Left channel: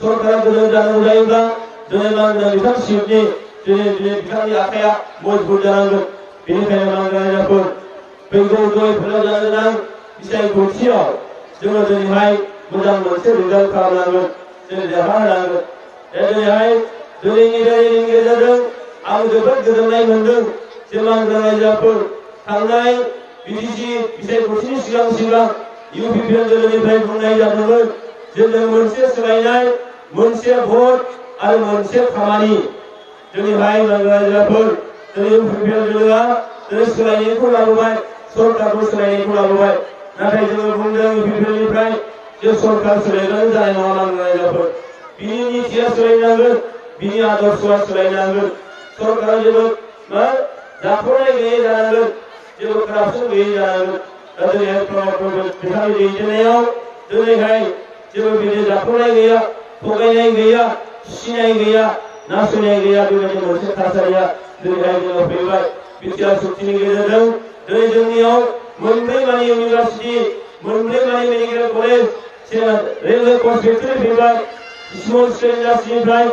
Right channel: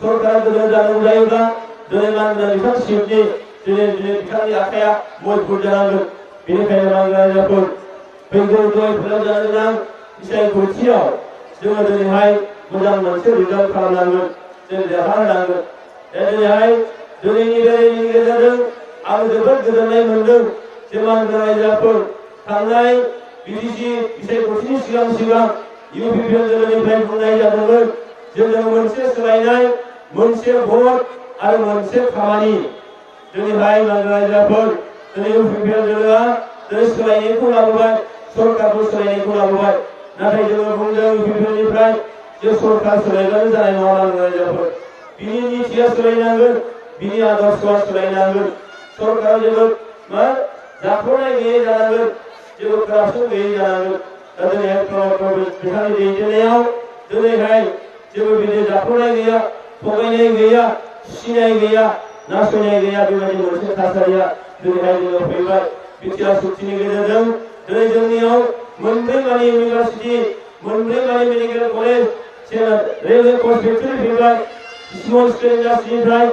सरकारा गोदो जानांगौ जायोब्ला दिनै मानगोनां बिथां सिबनि दिनै बिथांनि आखाइया मजबुत जानांगोन। बेनिखायनो मानगोनां रायजोफोर फैगौ जय फैलाव जानो गोनां बिसायख'थियाव जोङो दिनैहाय मोजां मोनसे रिजाल्ट खालामनांगोन, जों देरहाहोनांगोन। दिनैहाय दिनैनि बेरायनायनि गेजेरजों आं जोबोद गोजोननाय मोन्दों जे मानगोनां रायजोफोर थांनाय बिटिसि बिसायख'थिनि सिगां इउपिपिएल दोलोनिफ्राय बुंनाय जादोंमोन जे जों मोनसे सोलायनाय, मोनसे भट आरो मोनसे खामानि। दिनैहाय मानगोनां रायजोफोर दिनै इउपिपिएल दोलोआ दिनै सोलायनायखौ लाबोबाय, सरकारखौ सोलायनायखौ लाबोबाय। नाथाय जोङो बुंदों इउपिपिएलनिफ्राय जे सरकार सोलायब्लानो जानाय नङा मानगोनां रायजोफोर। बिनि नीतिया सोलायनांगोन, बिनि आदर्शआ सोलायनांगोन। सरकारा जेबो जाख्ल'नाय गैयै जानांगोन, जेबो करापसन गैयै जानांगोन। दा दिनैहाय प्रमद बिथांनि दैदेननायाव दिनैहाय जेबो बिदि जाख्ल'नाय गैया, थगायनाय गैया, सिनाय गैया, नासयनाय गैया, बेबायदि मोनसे थासारिया दिनैहाय जोङो फैबाय। बिटिआर सुक्तिनि गेजेरजों दिनै जोंनियाव मोनब्रै मानि इउनिभार्सिटि, मोनब्रै मानि मेडिकेल कलेज, रेलवे कच फेक्टरि फैबाय, स्मल स्केल इन्डास्ट्रिनिफ्राय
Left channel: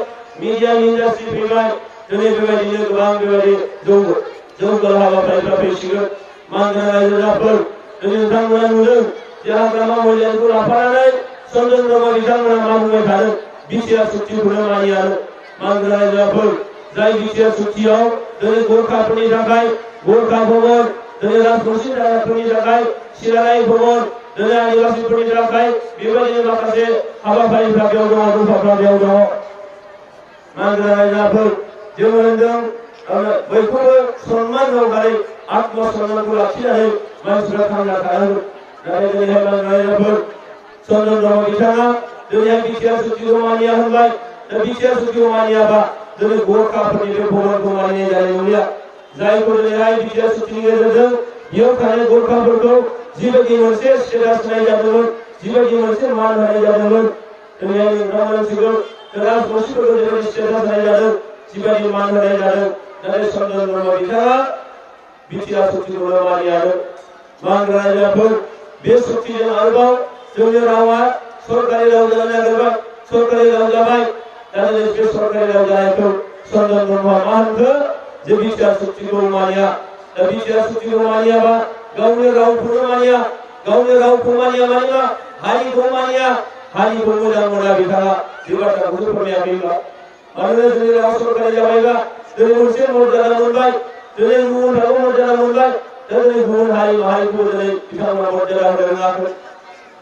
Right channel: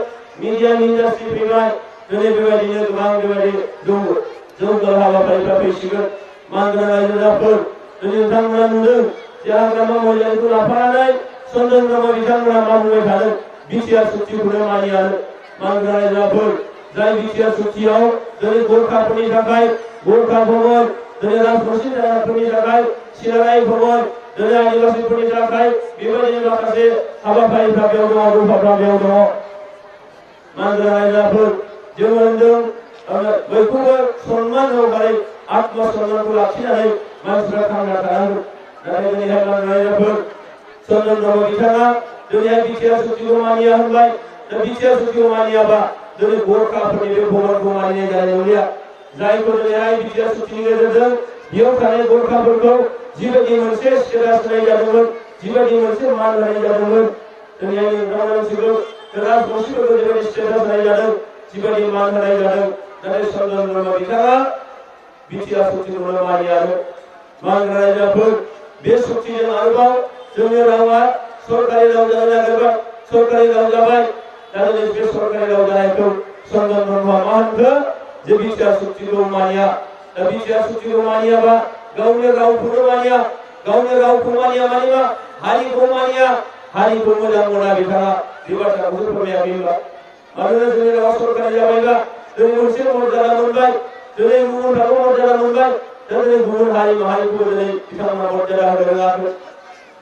मिडियाम इन्डास्ट्रि फैबाय। दिनै बेबायदिनो गोबां बेबायदि जौगालु हाबाफारिफ्रा फैसिगोन। मानगोनां रायजोफोर दिनै नोंथांमोना नुदों जे हाग्रामा मोजांखौ लाफानानै चन्दन ब्रह्म बिथांमोना मा बुंबाय थादों, बिटिआर सुक्तिखौनो मानियानो। मानगोनां रायजोफोर जाय बिटिआर सुक्तियाव दिनै गोरखाफोरनि थाखाय गोरखा भवन, दिनै राजबंशी जानायफोरनि थाखाय सिलाराय भवन, दिनै आदिबासीफोरनि थाखाय बेबायदिनो माखासे हाबाफारिफ्रा बेयाव दङ, दफाफ्रा बेयाव दङ। मानगोनां रायजोफोर जोङो होनदों बयखौबो सन्मान होनानै आत्मसन्मानखौ लाखिनानै मानसिफ्रा थांना थानांगौ। नाथाय दिनैहाय मानगोनां रायजोफोर चन्दन ब्रह्म बिथाङा दिनैहाय बिटिआर सुक्तिखौ मानिया होनबाय। दा बिटिआर सुक्तिखौ मानियाबा दिनै गोरखाफोरनि बे भवनखौ मानिनाय जानाय नंलिया। जायखौ दिनैहाय बिटिआर सुक्तिनि गेजेरजों बेयाव थानाय गोरखाफोरखौ जिबायदि मोनसे स्टेटास होनाय जादोंमोन, जिबायदि मोनसे मान होनाय जादोंमोन, दिनैहाय नोंथांमोना मिथिगौ राजबंशीफोरखौ जिबायदि स्टेटास होनाय जादों, जिबायदि मान होनाय जादों, नाथाय चन्दन ब्रह्म बिथाङा बिटिआर सुक्तिखौनो मानियानो। मानगोनां रायजोफोर बे सुक्तिजों आरोबाव जोंनि रावा सरकारि राव जानो नागिरबाय, सरकारि राव जाबाय। दा दिनै बे सरकारि राव जानायखौ चन्दन ब्रह्मआ मा होनखो जे बिटिआर सुक्तिखौ मानिया। दा बिटिआर सुक्तिखौ मानियाबा गावनि रावखौनो मानिया, गावनि रावखौ मानिया माने मा हारिखौ मानिया, हारिखौ मोजां मोना बिथाङा बे बाथ्राखौसो फोरमायाखैबा। मानोना जोंनि रावा सरकारि जाबायबा दिनै मोनसे मर्यादा मोनबाय, दिनै गुबुनफ्राबो मर्यादा मोनबाय। दा दिनै गुबुन हारि माहारिखौबो दिनै बिथांमोना मर्यादा होनो रोङाखै,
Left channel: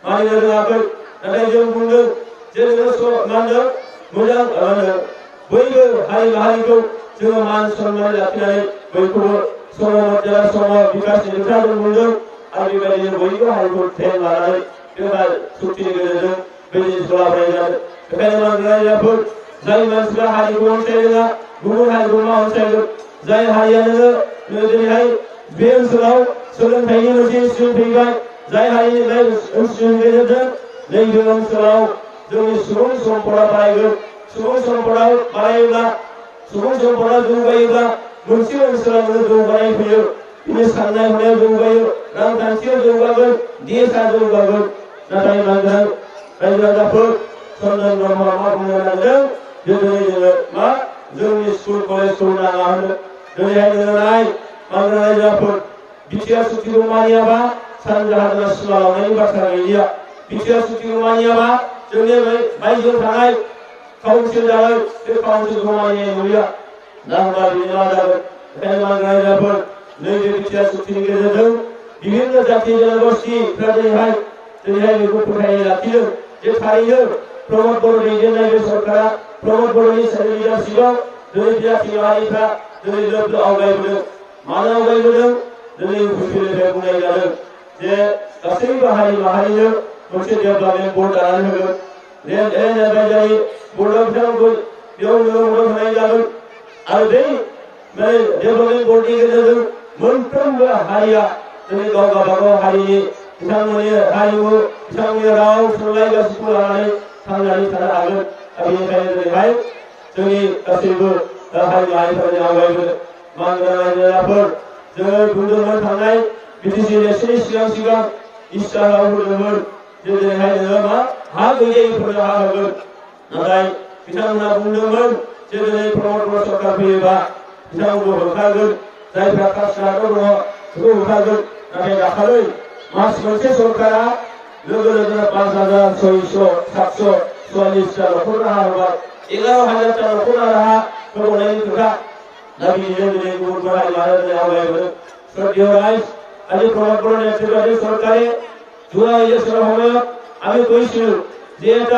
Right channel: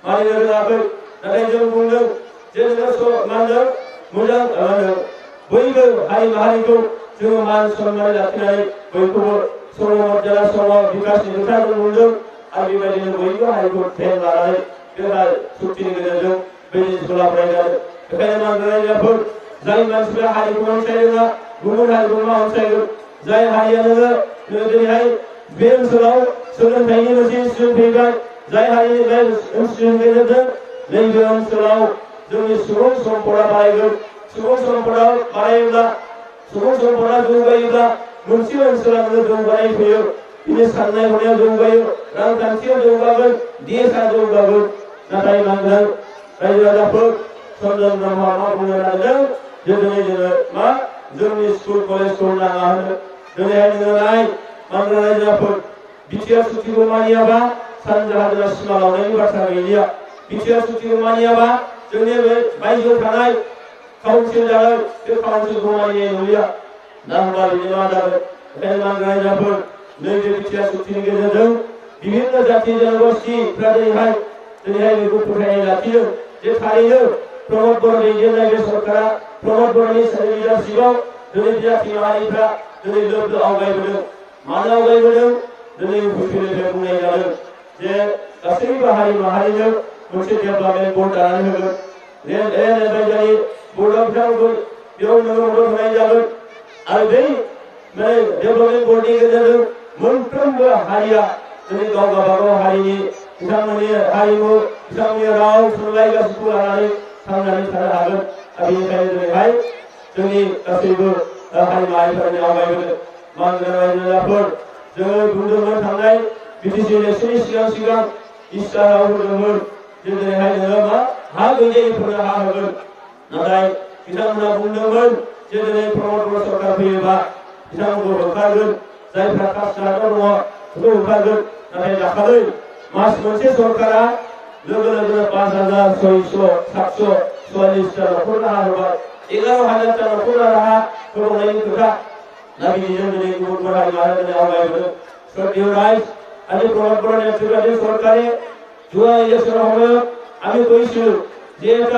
मानिनो रोङाखै। नाथाय जों बुंदों जे नोङो मा होनदों मोजां बयबो हारि माहारिखौ जोङो मान सन्मान लाखिनानै बयखौबो सम मर्यादा सम बिकासनि खोथा जों बुंदों। आरो बेबायदिनो बयबो हारिखौ ध्यान लानानै बे सुक्तिनि गेजेरजों बे जिनिसखौ लाबोनाय जादों। बेखायनो मानगोनां रायजोफोर जाय मानसिफ्रा हारिखौ अनसायरोङा गुबुन हारिखौ मा अनसायगोन? जाय हारिया नोङो दिनैहाय बे ओनसोलाव सोलोंथाइनि मोनसे इनस्टिट्युट फैबाय, जाय हारिनि बे इनस्टिट्युटनि गेजेरजों नैबे ओनसोलाव जोंनि सुबुं सम्पदा बारायगोन। सुबुं सम्पदा बारायोब्ला, सुबुं सम्पदा जौगायोब्ला मोनसे ओनसोला नोङो जौगानाय फैयो, बिनि साननाय हनायाव जौगायो, रांखान्थियाव जौगागोन, देशआ जौगागोन। नाथाय मानगोनां रायजो राजाफोर चन्दन ब्रह्मआ मा बुंनो नागिरदों जे दिनै जोङो मा जोंनि स्कुल कलेजखौ नाङा होनो। दिनैहाय नोङो नाय मानगोनां रायजोफोर बिटिआर सुक्तिखौ मानियाबा सानजाहा जोंहा सिमा लांनायनि बाथ्रा गैलिया। बिटिआर सुक्तिखौ मानियाबा जोंनि बे बायजोआव थानाय काउन्सिल जानाय बे काउन्सिलखौ मानिनाय नंलिया। दा होनबा बिदि मा जागोन? बेखायनो मानगोनां रायजोफोर नैबे बिटिआर सुक्तिनि गेजेरजों बिभिन्न जाथि जनगोष्ठीफ्रा दिनैहाय बेखौ फोथायनाय लाखिदों जे थारैनो प्रमद बर' दैदेननाय बे सरकारा प्रमद बर'नि लिडारशिपआव दिनै जाथि माहारिफ्रा दिनै लोब लोब आवगायबोदों। मानो आवगायबोदों? दिनै इउपिपिएलनिफ्राय बुंनाय जादों जे गासैबो हारि माहारिनो मोनसे डेभेलपमेन्ट बर्ड दानानै होगोन। लेन्ड एडभाइजारि बर्डआव बिथांमोनखौ बेयाव नोङो मदद होनाय जागोन। आरो बै डेभेलपमेन्ट बर्डनि गेजेरजों मोनफ्रोमबो हारिया दिनै गाव गावबागाव हारिनि बिथांमोननि हारिमु, बिथांमोननि राव, थुनलाइ गासैखौ लानानै थांनानै थानो हागोन। बेनिखायनो दिनैहाय जोंनि गासैबो हारि माहारिफोरा आवगायबोदों। मानगोनां रायजो राजाफोर जोङो बुंदोंमोन थांनाय बिटिसि इलेक्सननि सिगां इस्ताहाराव होदोंमोन जे दिनैहाय नोङो मा हा गैजायिफोरनो हा होगोन। नाथाय बिथांमोना बुंदोंमोन जे दिनै प्रमद बर' सरकार फैयोबा बिथांमोनखौ होखारगोन जायफ्रा कास्टआव दङ बेखौ होखारगोन नाथाय दाखालै मास मोनसे सरकारा लोगो लोगोनो 5,600-744टा न'खर राहा होबाय 11,000टा न'खर राहा होबावनायनि खोथा दा बिदिजों दिनै गुबुन हारि माहारिया दिनै आवगायबोदों শ্রদ্ধেয় রাইজ আজি প্রমোদ বড় নেতৃত্বাধীন সরকারে জুয়া ইলেকশনের সময়ত আমি কৈছিলো যে এটা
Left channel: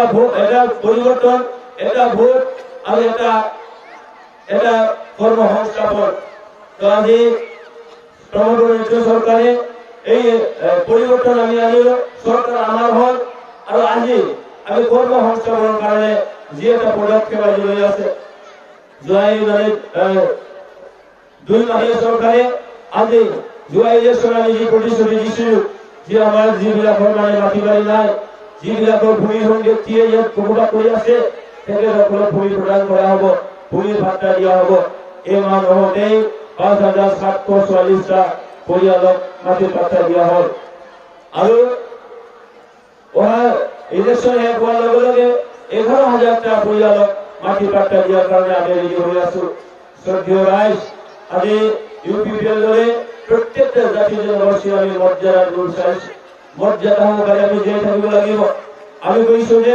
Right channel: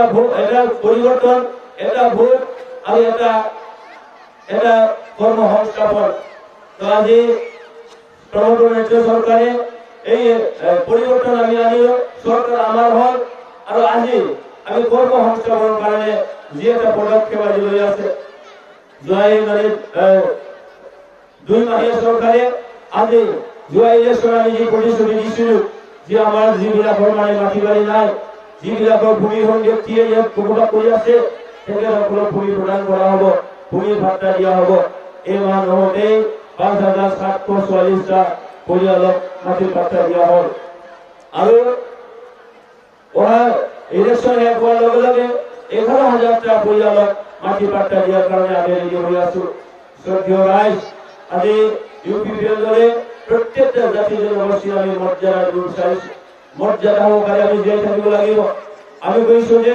পরিবর্তন এটা ভোট আর এটা কর্মসংস্থাপন তো আজি প্রমোদ বড় নেতৃত্ব সরকারে এই পরিবর্তন আমি আনিলো সরকার আমার হল আর আজি আমি কর্মসংস্থাপনের কারণে যে একটা পদক্ষেপ আজি লৈ আছে জুয়াই মানে 2 মাহীয়া সরকারে আজি জুয়া ইলেকশন আমি যে প্রতিশ্রুতি দিছিল যে আমার যিবিলাকৰ মানে মাটি বাৰী নাই যিবিলাকৰ ভূমিহীন ব্যক্তিয়ে ইয়াত বসবাস কৰি আছে তেখেতসকলক ভূমি প্ৰদান কৰা হ'ব ভূমি ভাত্তা দিয়া হ'ব এই মাহ নহওঁতেই 5,744টা পৰিয়ালক মাটি ভাত্তা দিয়া হ'ল আৰু অহা ইলেকশন শেষ হোৱাৰ লগে লগে 11,000টা পৰিয়ালক মাটি ভাত্তা দিয়াৰ কাৰণে আমি ৰেডি হৈ আছো শ্ৰদ্ধেয় ৰাইজ আজি ইউপিপিএল দলে প্রত্যেকটা জাতি জনগোষ্ঠী আমি মর্যাদা দিব চাইছি মর্যাদা সহকারে আমি জীয়াই থাকিব লাগিব আমি কৈছো যে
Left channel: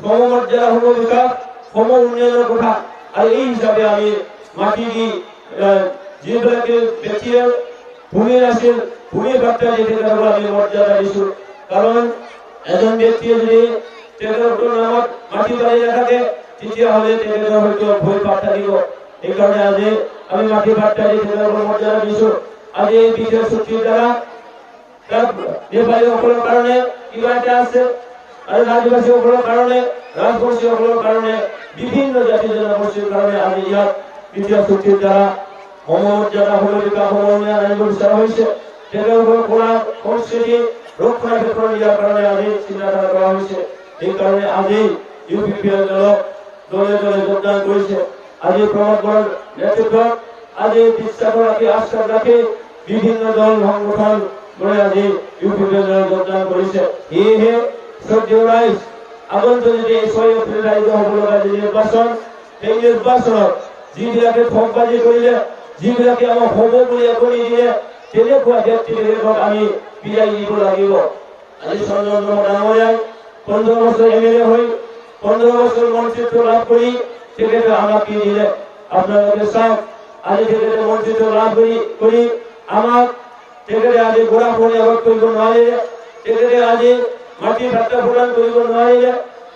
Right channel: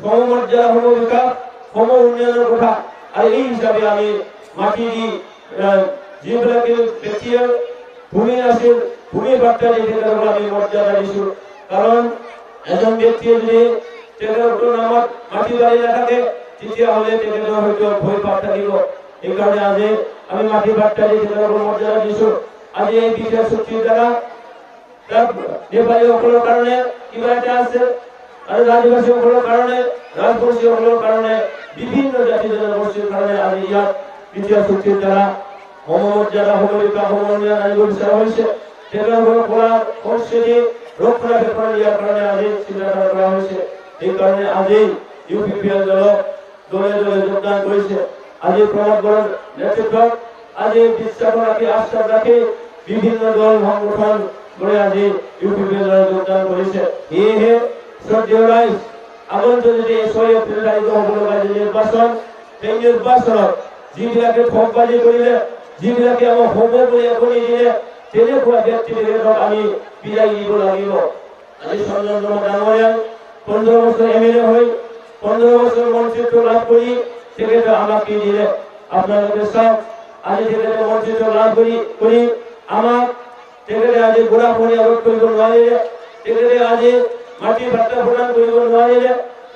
সমমর্যাদা সম বিকাশ সম উন্নয়নৰ কথা আৰু এই হিচাপে আমি মাটি দি যিবিলাকে ব্যক্তিয়ে ভূমি নাছিল ভূমি ভাত্তা দি তেখেতসকলক আমি মৰ্যাদা দিছো কাৰণ এজন ব্যক্তিয়ে যদি তেখেতৰ নামত মাটি বাৰী নাথাকে তেতিয়াহ'লে তেখেতৰ হয়তো ভয় ভাৱ থাকিব এইকাৰণে আজি আমি মাটি ভাত্তা দি তেখেতসকলক মৰ্যাদা দিছো আজি এই বিজয় চুক্তিৰ দ্বাৰা তাক নেপালীসকলৰ কাৰণে কিবা এটা আছে আৰু আদিবাসীসকলৰ কাৰণে ৰাজবংশীসকলৰ কাৰণে বিভিন্ন জাতি জনগোষ্ঠীৰ কাৰণে আজি ইয়াত বিজয় চুক্তিৰ দ্বাৰা সমমৰ্যাদা সমবিকাশ সমন্বয় আনিব বিচৰা হৈছে তেখেতসকলৰ কলা সংস্কৃতি ৰক্ষণাবেক্ষণ দিয়াৰ কাৰণে আজি চিন্তাধাৰা কৰা হৈছে এইকাৰণে আজি ইউপিপিএল দলে দলে যোগদান কৰিছে আজি প্ৰমোদ বড়োৰ নেতৃত্বত আজি বিশ্বাস ৰাখি আশ্বাস ৰাখি বিভিন্ন দল সংগঠন গড়ে আজি ইউপিপিএল দলে যোগদান কৰিছে সেয়েহে শ্ৰদ্ধেয় ৰাইজ আগন্তুক যদি 6 এপ্ৰিল তাৰিখে হ'ব লগা নিৰ্বাচন সেই নিৰ্বাচনত যিবিলাকে ঠগবাজি কৰিলে যিবিলাকে আমাক হ'ব বুলি একো নিদিলে তেনেকুৱা ব্যক্তিবিলাকক আমি বিদায় দিব লাগিব আজি চন্দ্ৰমোহন ডাঙৰীয়াই 15 বছৰ এমএলএ হৈ 15 বছৰ মন্ত্ৰীত্ব লাভ কৰি তেখেতে আমাক কি দিলে আপোনালোকে চাওক আজি তেখেতে মন্ত্ৰীত্ব লাভ কৰি আমাক তেখেতে আজি বুঢ়াপণি ৰোধ কৰিব নোৱাৰিলে তেখেতে আজি মাটি ভাত্তা প্ৰদান কৰিব নোৱাৰিলে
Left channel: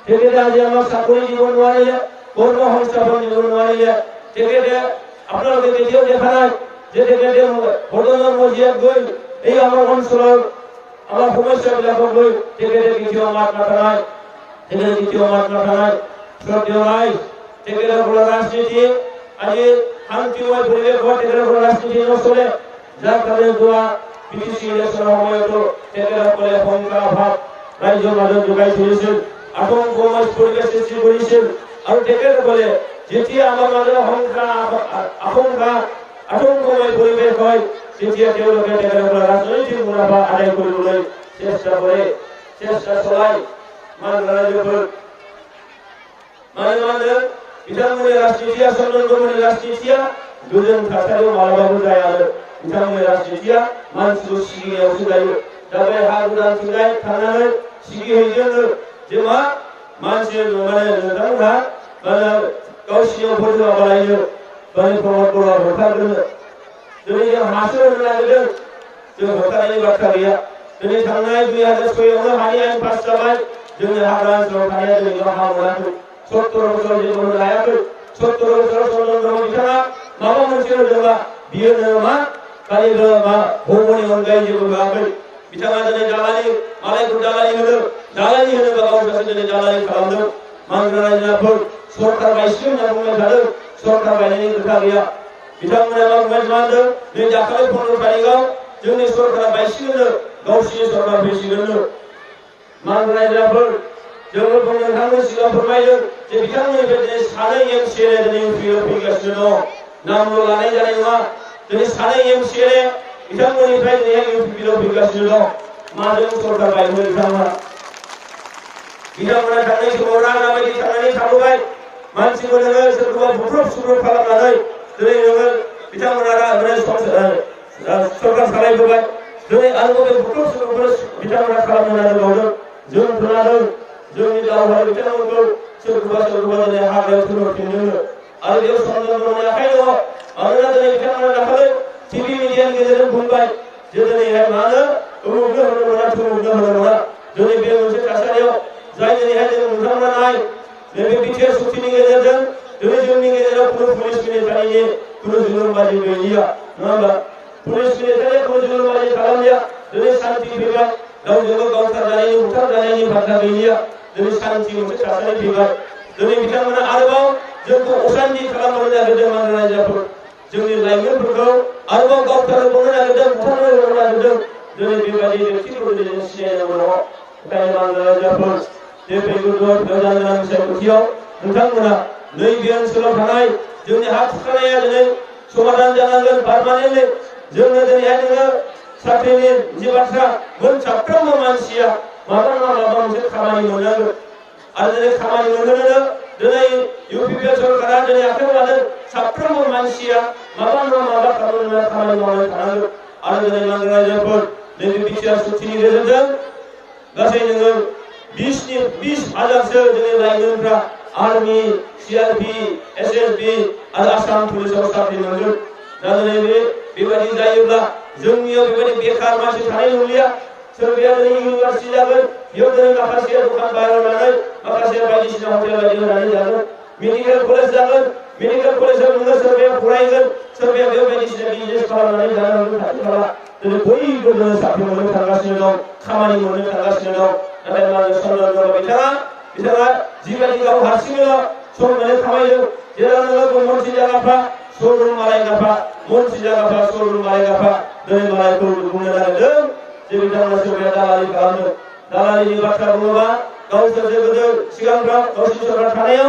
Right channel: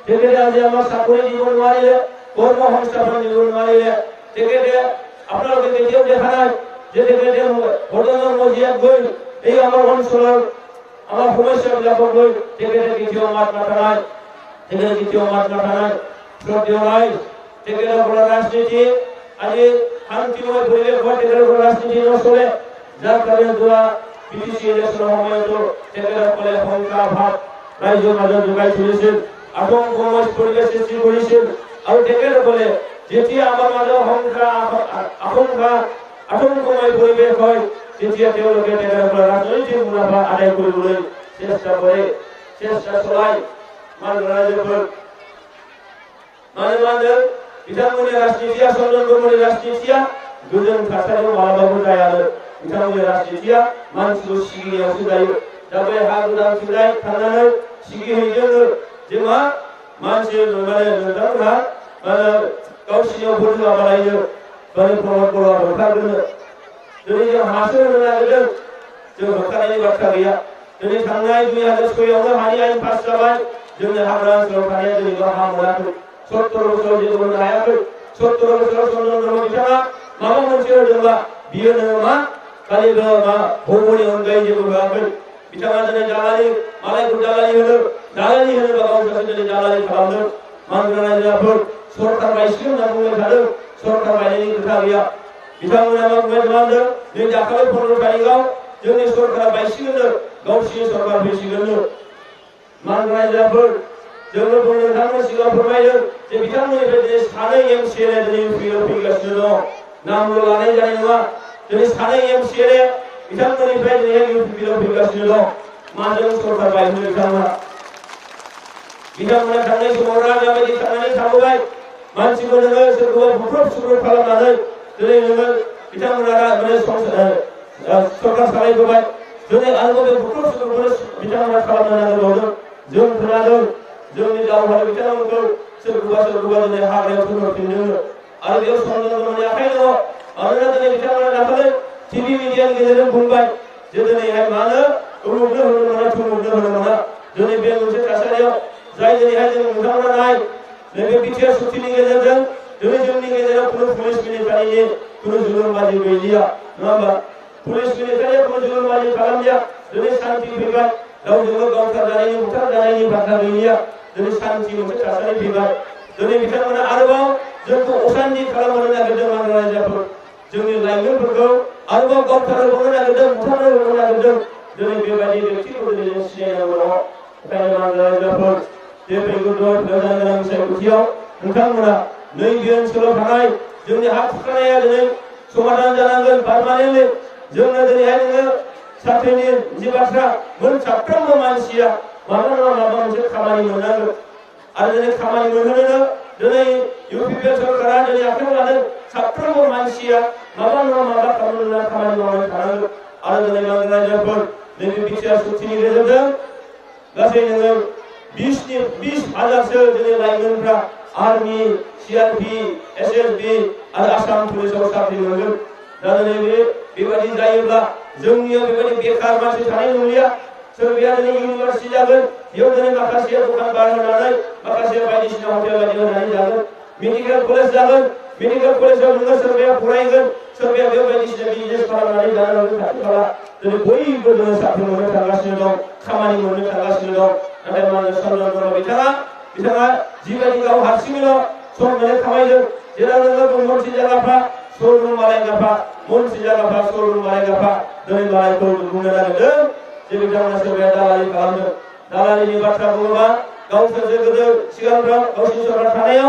তেখেতে আজি আমাক চাকৰি দিব নোৱাৰিলে কৰ্ম সংস্থাপন দিব নোৱাৰিলে তেখেতে আপোনালোকে কেতিয়াও দেখা নাই যে তেখেতে ভোটৰ মজিয়াত গৈ এই আমাৰ অঞ্চলৰ আমাৰ সমস্যাবিলাকক লৈ তেখেতে কেতিয়াও মাত মাতা নাই শ্ৰদ্ধেয় ৰাইজ তেখেতসকলৰ ৰাজনীতি আজি শান্তিময় পৰিৱেশত তেখেতসকলৰ ৰাজনীতি নচলে যাৰ কাৰণে যোৱা পিটিচি ইলেকশ্যনৰ সময়তো তেখেতসকলে শংকা ভাৱ ৰাইজৰ মাজত যোগাই তুলিছিল আতংকময় পৰিৱেশ সৃষ্টি কৰিছিল আৰু তেখেতসকলে যেতিয়া আমাৰ মাজত আতংকময় পৰিৱেশ হয় তেতিয়া তেওঁলোকে তেখেতসকলৰ ৰাজনৈতিক মুনাফা আদায় কৰিবলৈ চেষ্টা চলায় माने बिथांमोननि राजनीतिया चन्द्रमोहननि राजनीतिया गोजोन थासारियाव मालाबाबो जाया आरो बिथांमोननि राजनीतिया मानसिखौ सिगिनायावसो जायो दा बे हा गोदानथिंजाय थांनानै सिगिहैदोंनो जे मा मानसि माने नोंथांमोनहा माने गावसिनियाव भोट होआबालायनो माने प्रमोद बर'आ होखारगोननो दिनै जों हासो होनो नागिरदों जों होखारनायनि बाथ्रा गैया दिनै थांनाय 2006आवनो हानि आयेन पास जाबाय जोंनि हाग्रा ओनसोलाव थानाया दिनैबो हा मोनाखै 70 बोसोर जेबो होनो हायाखै 70 बोसोर चन्द्रमोहन बिथाङा माबा मोनसे होदोंबा बियो नोङो मा खालि मा भौमनि अनगायै जेबो होआखै बिथाङा दिनै दालालि मालायखौ दालालि होनोबा गाव सासे दिनै दालालि खालामदों मानग्रा रायजोफोर सरकार बायसिगोन होनना बुंबाय थादों सरकार बायनायनि खोथा गैया बिथांमोना मा बुंबाय थादों नै दाखालि 15 तारिखआव जोंनि सरकारा बायसिगोननो गावसिनि सरकार फैसिगोननो मानग्रा रायजोफोर जोङो नोंथांमोननि सिगाङाव फोरमायदों जे बिथांमोननिफ्राय दिनै सानै एमसिएलए दिनै इउपिआव फैगासिनो दं नामल' लानाय जानाय नङा दिनै सानै एमसिएलए बिथांमोननिफ्राय दिनैहाय इउपिआव फैगासिनो दं माजों सरकार बायहोनो बिथांमोना थांनाय समाव राजा बायदि थांनानै मानसिखौ नोङो सोरखौबा बुख्रुब सुख्रुब खालामनानै दिनै नोङो बिथांमोना सरकार सालायबोबाय दिनै आरोबाव बे बुख्रुब सुख्रुबखौनो बिथांमोना खालामनो नागिरबावदों जों खोनादों जोंनि दावहारु बिथांमोनखौ सोरखौबा दिनै हाग्रायाव थुनहरफिनदोंनो आरो बेयाव चन्द्रननि आखाइ दङ मानोना दिनै बिथांमोना दाखालै टिभि मिडियानि गेजेरजों बुंबाय जे दिनैहाय मानो उमुगनो होनो मोना थुमुगनो होनो मोना दिनै बे मोनसे थासारियाव जाय दिनैहाय जों नोंथांमोना नाय नैबे बिटिआर सुक्तिनि गेजेरजों दिनै जोंनि गेजेराव खुनु पुलिस मिलिटारिनि खुनु जुलुमबाजि गैलिया नङा होमबा पुलिस मिलिटारिया खुनु जुलुमबाजि खालामलिया दिनै शान्ति फैबाय रावजोंबो गावथारजानायनि बुथारजानायनि बाथ्रा गैलिया दिनै शान्ति मोनसे थासारि फैबाय दिनै बिथांमोना आरोबाव जोंखौ अशान्ति खालामनो नागिरदों मानग्रा रायजोफोर जोंनि लाइमोनफोरखौ आरोबाव गावथारहोनो नागिरदों बुथारहोनो नागिरदों दिनै बेबायदि व्यक्तिखौ दिनै जों सिनायनांगौ दङ ओंखायनो मानग्रा रायजोफोर जे फैगौ जानो गोनां बिसायख'थियाव नोंथांमोना नैबे ओनसोलाव थानाय जोंनि हा खुरखानाया दिनै समाधान जानांगोन पारमानेन्टलि जोंनो दिनैहाय नोङो साख्रिनि जि बाथ्रा साफ्रोमबो मानसिया माबा नङा माबा मोनसे खामानि मोननांगोन आरो दिनै खामानि मोनहोनो दिनै इउपिपिएल सरकारा दिनै आखाइआव लादों साफ्रोमबो मानसिया माबा नङा माबा खामानि मावनानै थानांगोन आरो दिनै मानग्रा रायजोफोर नैबे बिटिआर सुक्तिनि गेजेरजों गासै नोङो 20,000सो जोंनि लाइमोनफ्रा आर्मी सीआरपी एसएसबी आरो आसाम पुलिसाव साख्रि मोनगोन दा दिनै बेबायदि जायोब्ला जोंनियाव बेबायदि बेकार मानसि थानाय नंलिया सोरबाया दिनै इउनिभार्सिटि जागोन बेयाव दिनै माखासेया दखान बार होनानै माखासेया बायदिसिना हटेल बायदि होनानै जागोन मेडिकेल कलेज जागोन मेडिकेल कलेजाव नोङो सोरबाया फरायगोन सोरबाया बेयाव बायदिसिना बिजनेस खालामनानै जानो हागोन खाथि खाला दिनै बयबो जोङो साख्रि मोननो थांगासिनो दं खामानि मोननो थांगासिनो दं नाथाय मानोना चन्द्रन ब्रह्म बिथाङा जिबायदि गाव हारसिङैल' सम मोननो खामायदों जेराव नोङो मनसि जायगाफ्रा श'रुम मालायगाफा मनसि जायगाफ्रा श'रुम मालायगाफा दिनै मालायखौ बुंनो नागिरदों जे बिथांमोना सोरबाया दालालि खालामदों दालालिनि बाथ्रा बुङोबा गावसोरसो गोदो सिगांफ्राव गावसिनि सरकार थानायाव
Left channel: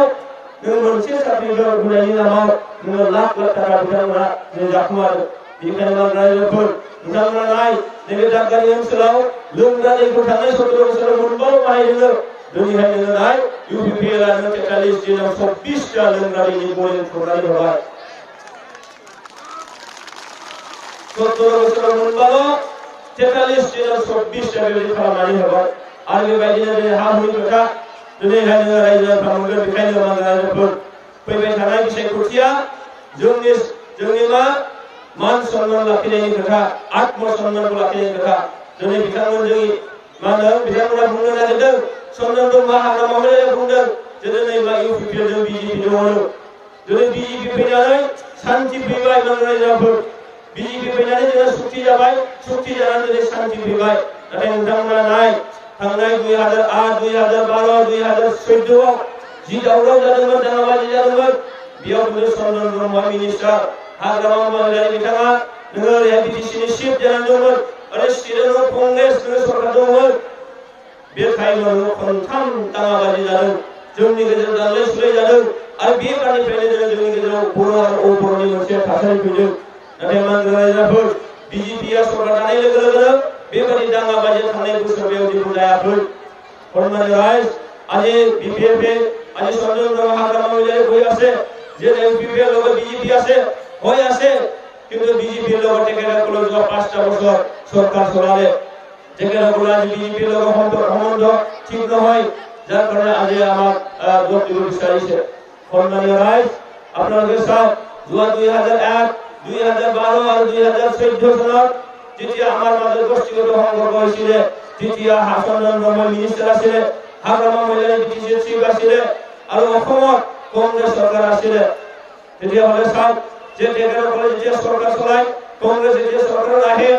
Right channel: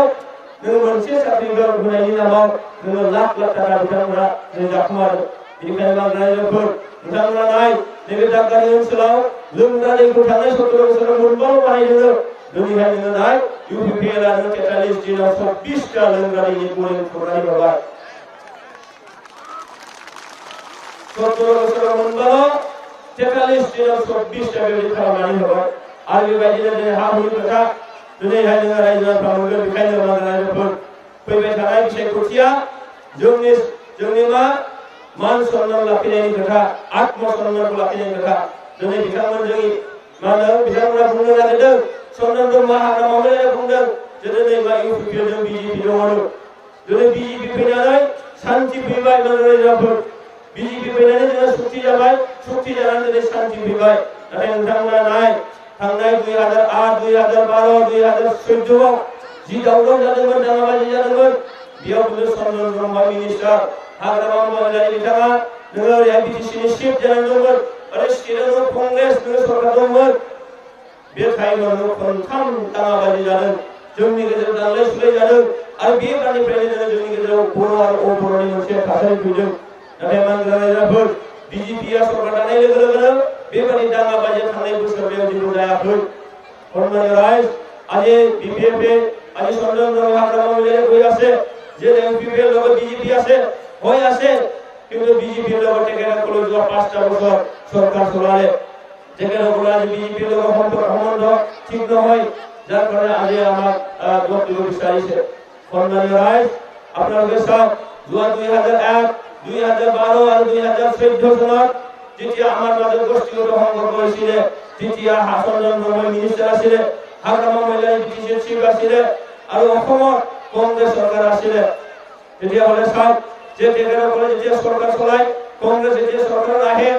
नोङो मोनसे साख्रिखौ होनायनि नामाव नोङो लाख थाखा बिथांमोना दिनै जाखुमादों बेनिखायनो मानग्रा रायजोफोर नोंथांमोना नाय नैबे दादगारि ओनसोलाव लोंग्रा दैखौ थांनाय 17 बोसोराव मोनबाल' बानायदोंनो दिनैहाय नोङो नाय इउपिपिएलआ 43 दिनाव 24टा लोंग्रा दैनि बरिं खुरनानै होबाय 17 बोसोराव मोनबाल' 43 दिनाव 24टा बेबायदि खालामनानै होबाय आरो बेबायदिनो दिनै हा हुनि खोथा दिनैहाय नोङो रायजो राजाफ्रा मोनगोन बेखायनो मानग्रा रायजोफोर फैबाय थानाय बिसायख'थिया जोंनि मान सन्मान लाखिनायनि खोथा आत्म सन्मानखौ लाखिनायनि खोथा दिनै बिथांमोना बुंनो नागिरदों चन्द्रन ब्रह्म हाग्रामा महिलाया बुंदों जे दिनै मा इउपिपिएलजों बिजेपि दङनो दिनै बिजेपि फैनानै शान्ति फैबाय मानग्रा रायजोफोर बिजेपि फैनानै जोंना सुक्ति जाबाय सुक्ति जानानै दिनै शान्ति फैबाय नाथाय नोंथांमोना नाय थांनाय 2008 2012 2014आव जि दावराव जादोंमोन दाङाबाजि जादोंमोन बेयाव खिन्थु चन्द्रन ब्रह्म मिनिस्टार हाग्रामा महिलारि बिथाङा नोङो ओरैहाय बिटिसिनि चिफ जानानै दंमोन आरो स्टेटआव कंग्रेस नोङो सरकार दंमोन बे टाइमाव नोङो खनथाम दाङाबाजि जादों जोंनि गेजेराव दानलाय सुलाय जादों आरो बे बारनिफ्रायनो जोंनि गेजेराव बर' आरो अबर'नि मोनसे थासारि फैदों नाथाय मानग्रा रायजोफोर बिजेपिआ सरकार दानाय लोगो लोगोनो बेबायदि दाङाबाजिया थांनाय बोसोरबायाव जेबो जायाखै सन्मानिय राइज আজি বিপিএফে আজি চন্দ্রন ব্রহ্ম হাগ্রামা মহিলারে কই আছে যে ইউপিপিএর লগত বিজেপি আছে হয় আছে কিন্তু বিজেপির লগত টেকেরাগুলো যোৱা 5টা বছর সরকার চলালে টেকেরাগুলো আজি বিজেপির লগত সম্বন্ধ ঠিক নহয় যার কারণে আজি আমাক ভোট দিব বিচাৰিছে সন্মানীয় রাইজ আপোনালোকে চাওক যোৱা 2001 2012 আৰু 2014 চনত যেতিয়া আমাৰ মাজত গোষ্ঠীগত সংঘৰ্ষ হৈছিল তেতিয়া চন্দ্ৰন ব্ৰহ্ম মিনিষ্টাৰ আছিল হাগ্ৰামা মহিলাৰী বিটিসি চিফ আছিল আৰু অসমত কংগ্ৰেছ চৰকাৰ আছিল তেতিয়া হলে চাওক যে টেকেৰাসকলে যেতিয়া চৰকাৰ চলাই কংগ্ৰেছ যেতিয়া চৰকাৰত আহে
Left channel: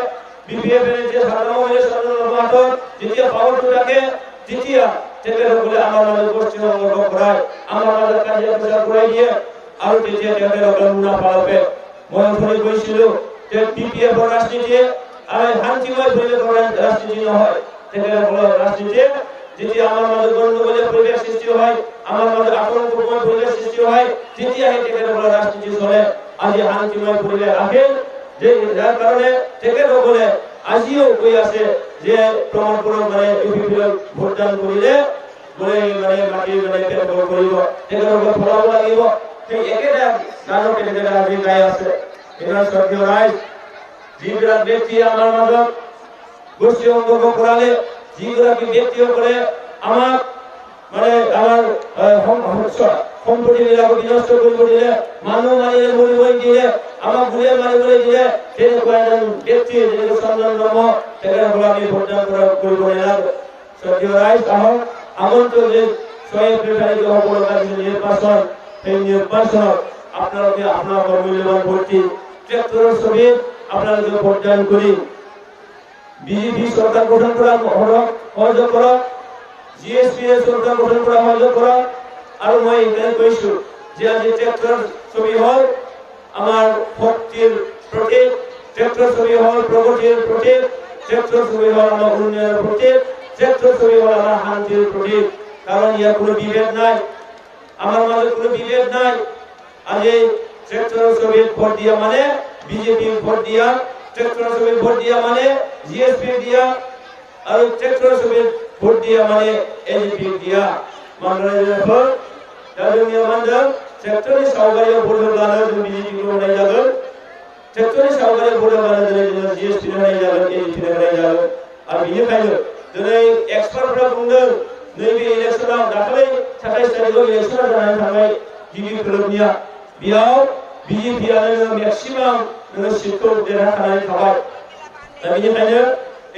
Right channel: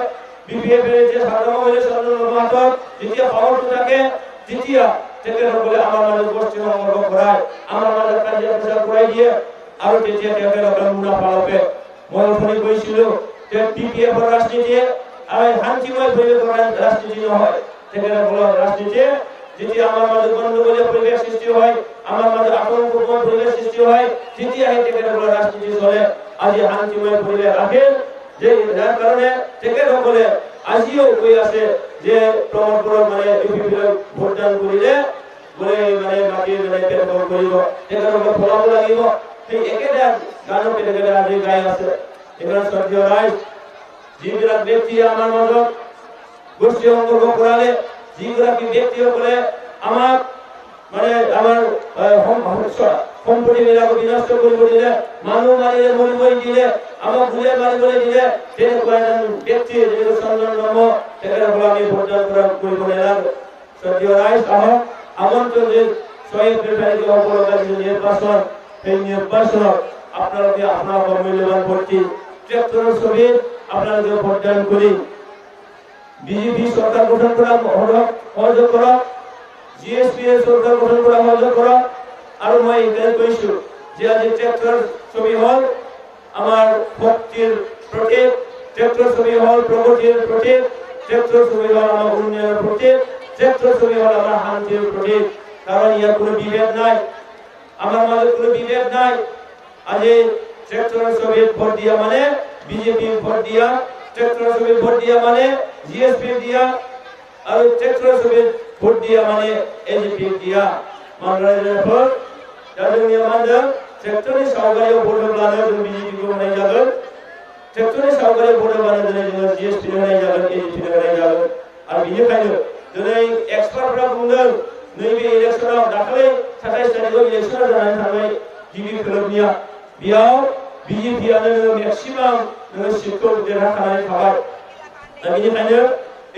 বিপিএফ যেতিয়া হাগ্ৰামা মহিলা চন্দ্ৰন ব্ৰহ্ম হাতত যেতিয়া পাৱাৰটো থাকে তেতিয়া টেকেৰাসকলে আমাৰ মাজত গোষ্ঠী সংঘৰ্ষ কৰায় আমাৰ মাজত কাজিয়া পেচাল কৰাই দিয়ে আৰু তেতিয়া টেকেৰাসকলে মুনাফা লাভে মই অথনি কৈছিলোঁ যে বিপিএফৰ ৰাজনীতি আমি শান্তিময় পৰিৱেশৰ ৰাজনীতি নহয় টেকেৰাসকলৰ ৰাজনীতি যেতিয়া আমাৰ মাজত গণ্ডগোলীয় পৰিৱেশ সৃষ্টি হয় আমাৰ মাজত আতংকময় পৰিৱেশ সৃষ্টি হয় তেতিয়া সেই টেকেৰাসকলৰ ৰাজনীতি চলে আজি শান্তিময় পৰিৱেশ আহে যে যাৰ কাৰণে টেকেৰাসকলে আজিও কৈ আছে যে প্ৰমোদ বড়োক মানে ইউপিপিএল ভোটদান কৰিলে বোলে মানে মাটি মানে পেট্ৰল কৰিব তেখেতলোকে ফলাব লাগিব সেই একেটা গানক তেখেতে আজি গাই আছে এইখন শ্ৰদ্ধেয় ৰাইজ যিবিলাক ব্যক্তিয়ে আমাৰ মাজত গোষ্ঠী সংকল্প কৰালে যিগৰাকী ব্যক্তিসকলে আমাক মানে আমাৰ সম্পত্তিবিলাক বিনষ্ট কৰিব দিলে মানুহ মাৰিলে মৰিবলৈ দিলে আমাক গুলিয়াই মাৰিবলৈ দিলে তেনেকুৱা এজন ব্যক্তি যেনেকৈ চন্দন ব্ৰহ্ম তেখেতসকলক আমি ভোটদান কৰিব নালাগে শ্ৰদ্ধেয় ৰাইজ আহক আগন্তুক যে 6 এপ্ৰিল তাৰিখে হ'ব লগা যি নিৰ্বাচন সেই নিৰ্বাচনত আপোনালোকে আপোনালোকৰ মূল্যৱান ভোটটি ট্ৰেক্টৰৰ ছবিত আপোনালোকে ভোটদান কৰি বিজেপি সরকার গঠন করা সহযোগ করক জিএসপি সরকার গঠন করা সহযোগ করক আর মই এখানে কৈছো যে আজি ট্রেক্টর ছবি হল আমার শক্তির প্রতীক ট্রেক্টর ছবি হল প্রগতির প্রতীক ট্রেক্টর ছবি হল আমার উন্নয়নের প্রতীক ট্রেক্টর ছবি হল আমার শান্তির প্রতীক কারণ ইয়ার কোনো বিভেদ নাই আমার মাঝে কোনো বিভেদ নাই আজি ট্রেক্টর ছবি ভোট দিয়া মানে বিজেপি ভোট দিয়া ট্রেক্টর ছবি ভোট দিয়া মানে জিএসপি দিয়া আর ট্রেক্টর ছবি ভোট দিয়া মানে এজিপি দিয়া मानगोनांफोर दा जोंनि मानदों ट्रेक्टरनि सावगारियाव भोट होब्लानो जों बिजेपिखौ होनाय जागोन ट्रेक्टरनि सावगारियाव भोट होब्लानो दिनै जोङो जिएसपि होनाय जागोन एजिपि होनाय जागोन आरो बेनिखायनो दिनै एक्सपार्टफोरा बुंदों नैबे इलेक्शनाव दाखालै 27 तारिखआव इलेक्शना जानानै थांबाय गिबि खोलोबनिया बेयाव बिजेपिआनो नोङो मेक्सिमाम नोङो सिटखौ देरहानानै थाबाय दा बेनिखायनो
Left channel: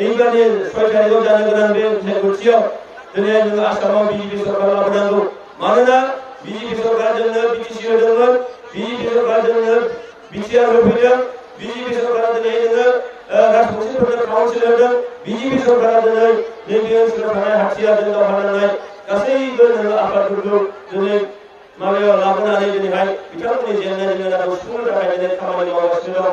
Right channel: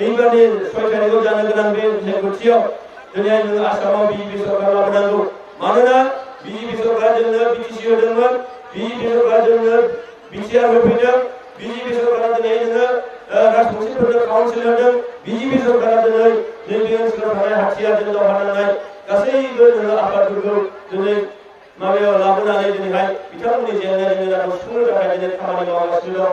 एबारनि 6 तारिखआव जानो गोनां बे बिसायख'थियाव दिनै जोङो आसामाव बिजेपि सरकार लाबोनांगौ मानोना बिजेपि सरकारा जोंनो बिटिसि होदोंमोन बिजेपि सरकारा जोंनो बिटिआर होफैदों बिजेपि सरकारा दिनै जोङो राजबंशिफोरनो काउन्सिल होदों बिजेपि सरकारा दिनै नैबे ओनसोलाव थानाय हाथियारजों दावहा नांनाय गासैबो नोङो आफादफोरखौ दिनै माबायाव लाबोनानै दिनैहाय बिथांमोननि जेंना जेंनाखौ सुफुंनो थाखाय दिनै खामानि मावगासिनो दं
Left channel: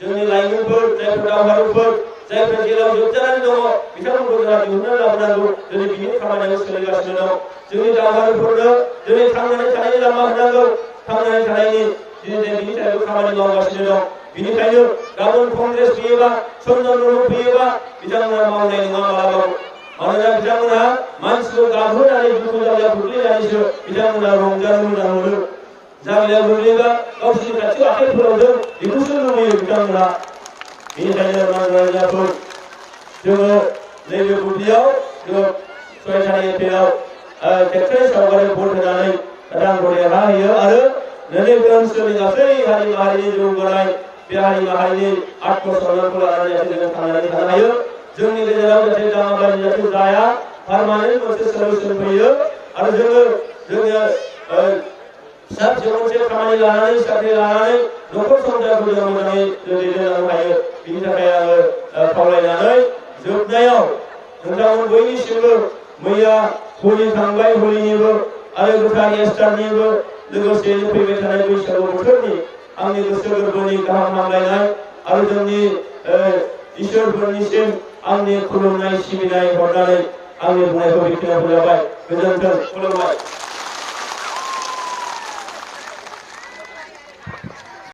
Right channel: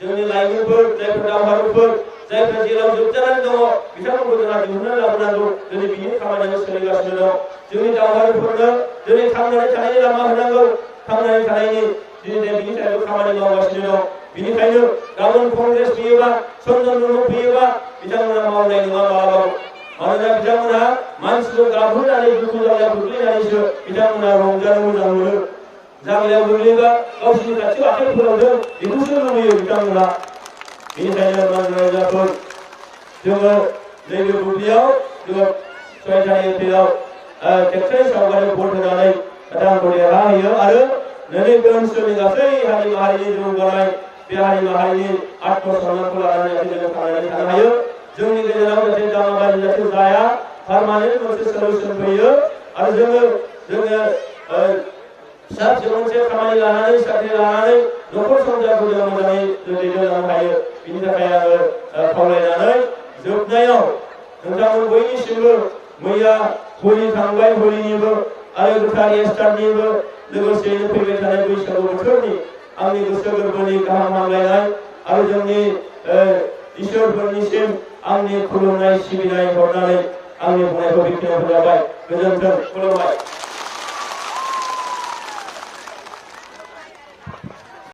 जोंनि लाइमोनफोर जायफोर दावहारुफोर जायफोर जेलाव जोबजानानै दङ बिथांमोनखौ जोंहा दिहुननानै लाबोनांगौ दिनै बिनि खामानियाबो सोलिगासिनो दं जोंनि दावहारुफोरनो दिनै थांनानै थानायनि लामा होनांगौ थांनानै थानायनि दिनै बिनि थाखाय खामानि मावगासिनो दं बेनिखायनो गाबोन कंग्रेस फैयोबा चन्दन ब्रह्म फैयोबा बिथांमोना मावनाय नङा मालाबाबो मानोना बिथांमोना मानसिखौ गाबहोनानै दुखु जालायाव खोख्लैनानैसो बिथांमोना रंजानो मोजां मोनो जागायाव गोग्लैबा गावसोरनि खाथियाव आखाइ फोलावदों बेखौसो लुबैयो बिथांमोना बेनिखायनो मानगोनांफोर जोङो नैबे बुब्लियाव जोङो 6 तारिख एप्रिलाव ट्रेक्टरनि सावगारि भोट होनानै दांखौ देरहाहोयो आरो नैबे ओनसोलनि गासै हारि माहारिनि जौगानाय बे हारि माहारिनि आत्मसन्मानखौ लानानै जाहाथे जों थांनानै थानो हायो जोंनि गेजेराव जाहाथे दाङाबाजि जाहाथे जाया पारमानेन्ट मोनसे सल्युसन फैयो आरो जोङो फिसा फिसौ मोनसे खामानि लानानै साख्रि लानानै न'खर संसारखौ जों मोजाङै दैदेनलांनो हायो बिनि थाखाय आङो खावलायनानै जोबनायाव नोंथांमोन बयनिसिमबो मैया हलि थांबाय हलिनिबो आरो गोथार इस्टारनिबो लोगोसेयैनो फैबाय थानाय बैसागु बोथोरनि आंनि गोसो गोरबोनि गाहाम हामलायनाय आरो जोंनि इसोरफोरनिसिम आंनि खुलुमनाय सिबिनाय हरनानै आंनि बुंनायखौ बेखिनियाव फोजोबबाय गोजोन्थों खुलुमबाय।